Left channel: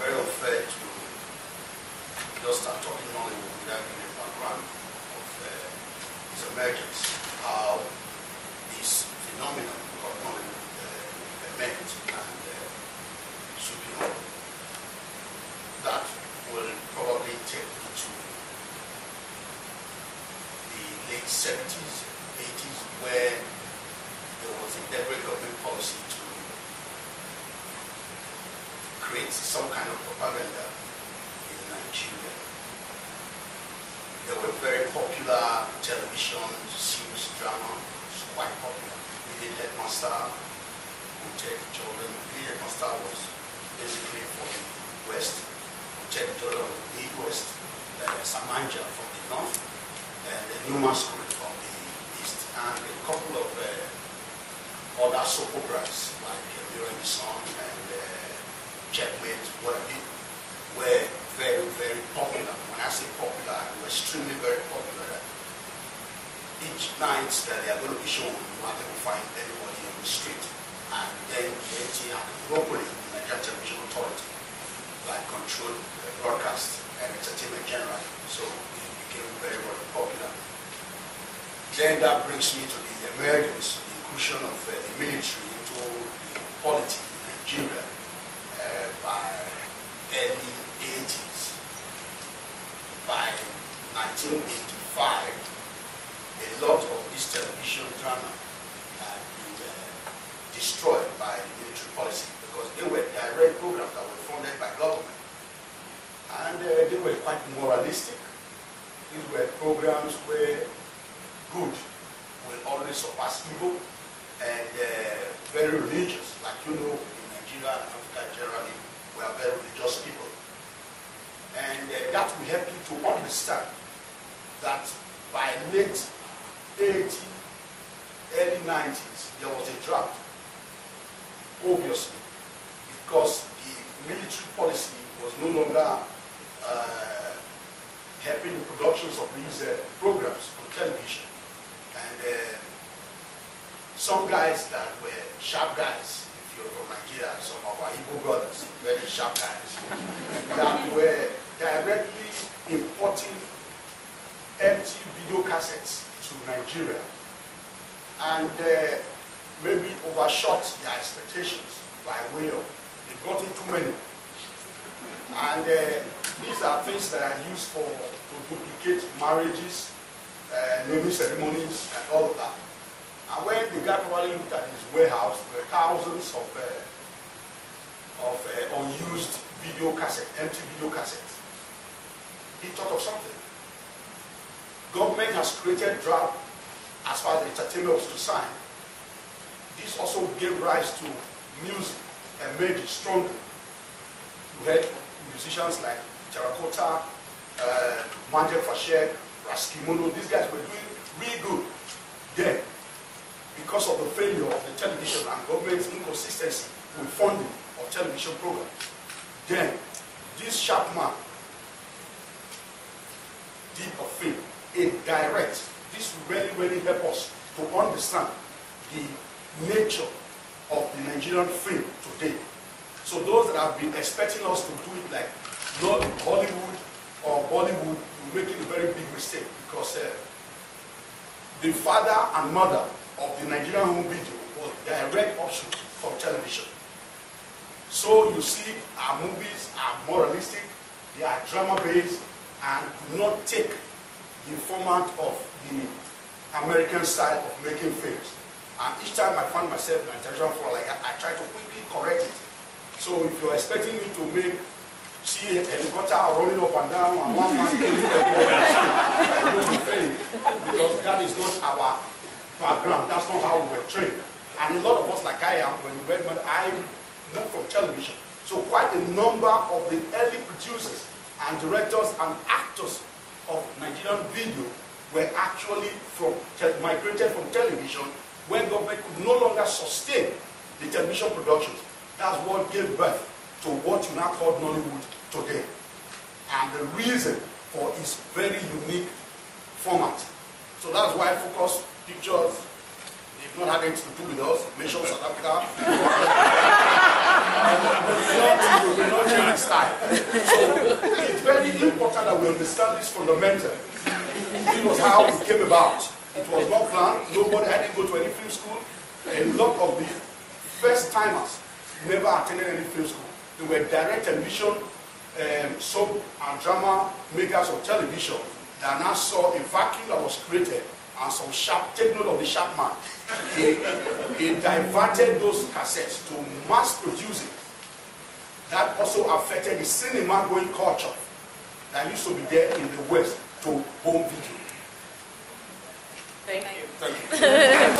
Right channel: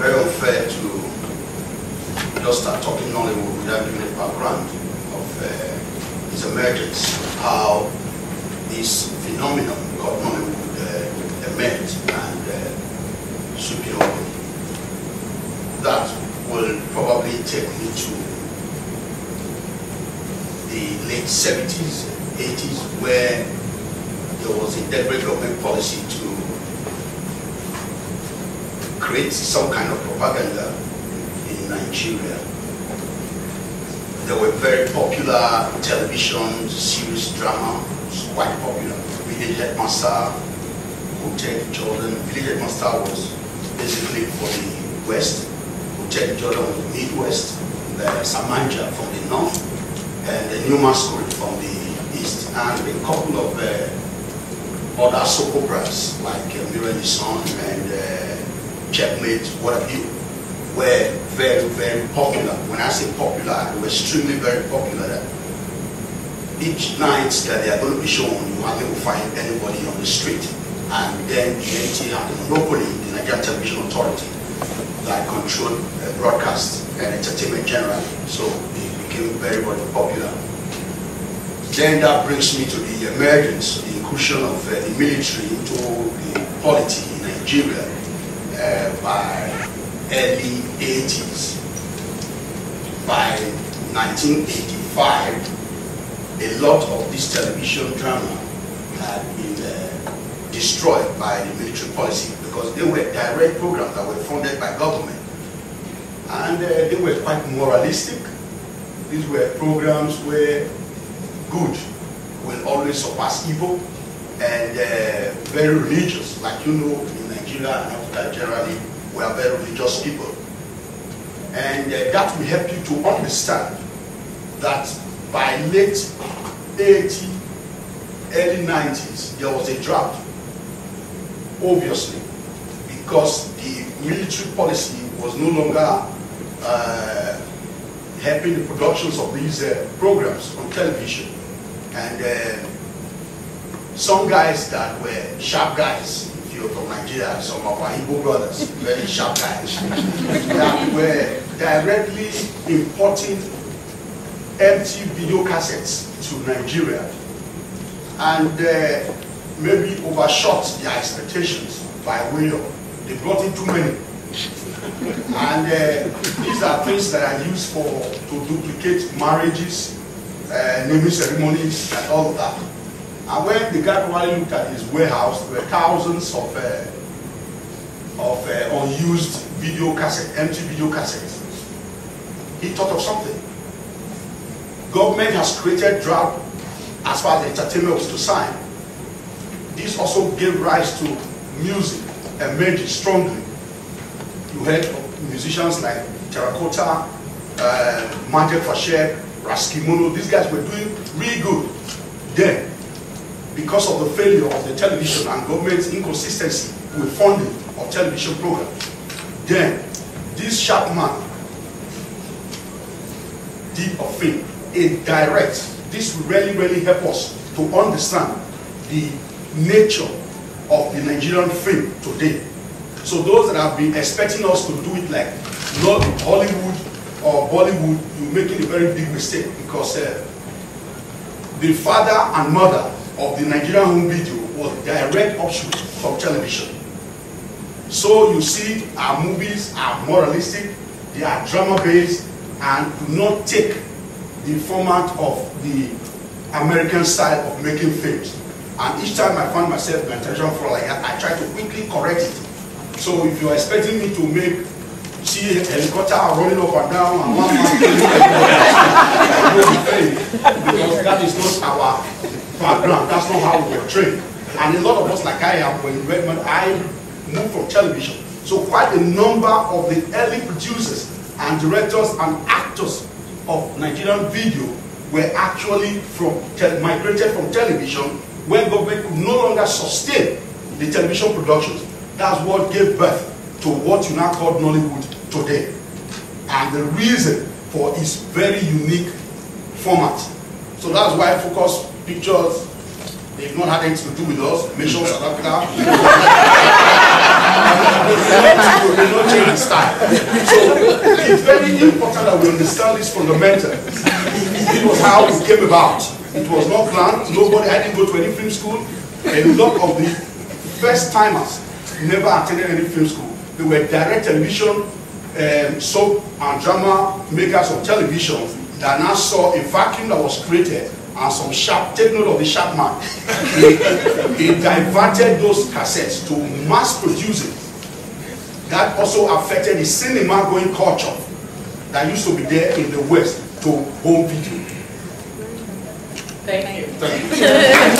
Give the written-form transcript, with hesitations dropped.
very unfair to just start talking Nollywood without giving a background of its emergence, how this phenomenon called Nollywood emerged and sweeping over. That will probably take me to the late 70s, 80s, where there was a deliberate government policy to create some kind of propaganda in Nigeria. There were very popular television series, drama, quite popular. Village Headmaster, Hotel Jordan. Village Headmaster was basically for the West. Hotel Jordan was the Midwest. The Samanja from the North. And the New Masquerade from the East. And a couple of other soap operas like Mirror in the Sun and Checkmate, what have you, were very, very popular. When I say popular, they were extremely very popular. Each night that they are going to be shown, you hardly will find anybody on the street. And then the NTA had the monopoly, the Nigerian Television Authority, that controlled broadcast and entertainment generally. So they became very, very popular. Then that brings me to the emergence, the inclusion of the military into the polity in Nigeria by early 80s. By 1985, a lot of this television drama had been destroyed by the military policy because they were direct programs that were funded by government. And they were quite moralistic. These were programs where good will always surpass evil, and very religious. Like you know, in Nigeria and Africa generally, we are very religious people. And that will help you to understand that by late 80s, early 90s, there was a drought, obviously, because the military policy was no longer helping the productions of these programs on television. And some guys that were sharp guys, if you're from Nigeria, some of our Igbo brothers, very sharp guys, that were directly importing empty video cassettes to Nigeria and maybe overshot their expectations by way of they brought in too many. And these are things that are used to duplicate marriages, naming ceremonies, and all of that. And when the guy probably looked at his warehouse, there were thousands of unused video cassettes, empty video cassettes. He thought of something. Government has created drought as far as entertainment was concerned. This also gave rise to music emerging strongly. You heard of musicians like Terracotta, Magic Fashek, Raskimono. These guys were doing really good then because of the failure of the television and government's inconsistency with funding of television programs. Then this sharp man did a thing, a direct. This will really, really help us to understand the nature of the Nigerian film today. So those that have been expecting us to do it like not Hollywood or Bollywood, you're making a very big mistake, because the father and mother of the Nigerian home video was direct offshoot from television. So you see our movies are moralistic, they are drama-based, and do not take the format of the American style of making films. And each time I find myself in a television for like that, I try to quickly correct it. So if you're expecting me to see a helicopter running up and down and one man killing everybody, because that is not our background, that's not how we were trained. And a lot of us, like I am, when in Redmond, I moved from television. So quite a number of the early producers and directors and actors of Nigerian video were actually migrated from television when government could no longer sustain the television productions. That's what gave birth to what you now call Nollywood today. And the reason for its very unique format. So that's why Focus Pictures, they've not had anything to do with us, Mission South Africa. They don't change the style. So it's very important that we understand this fundamental. It was how it came about. It was not planned. I didn't go to any film school. A lot of the first timers never attended any film school. They were direct television, soap and drama makers of television that now saw a vacuum that was created and some sharp, take note of the sharp man. He diverted those cassettes to mass producing. That also affected the cinema going culture that used to be there in the West to home video. Thank you. Thank you.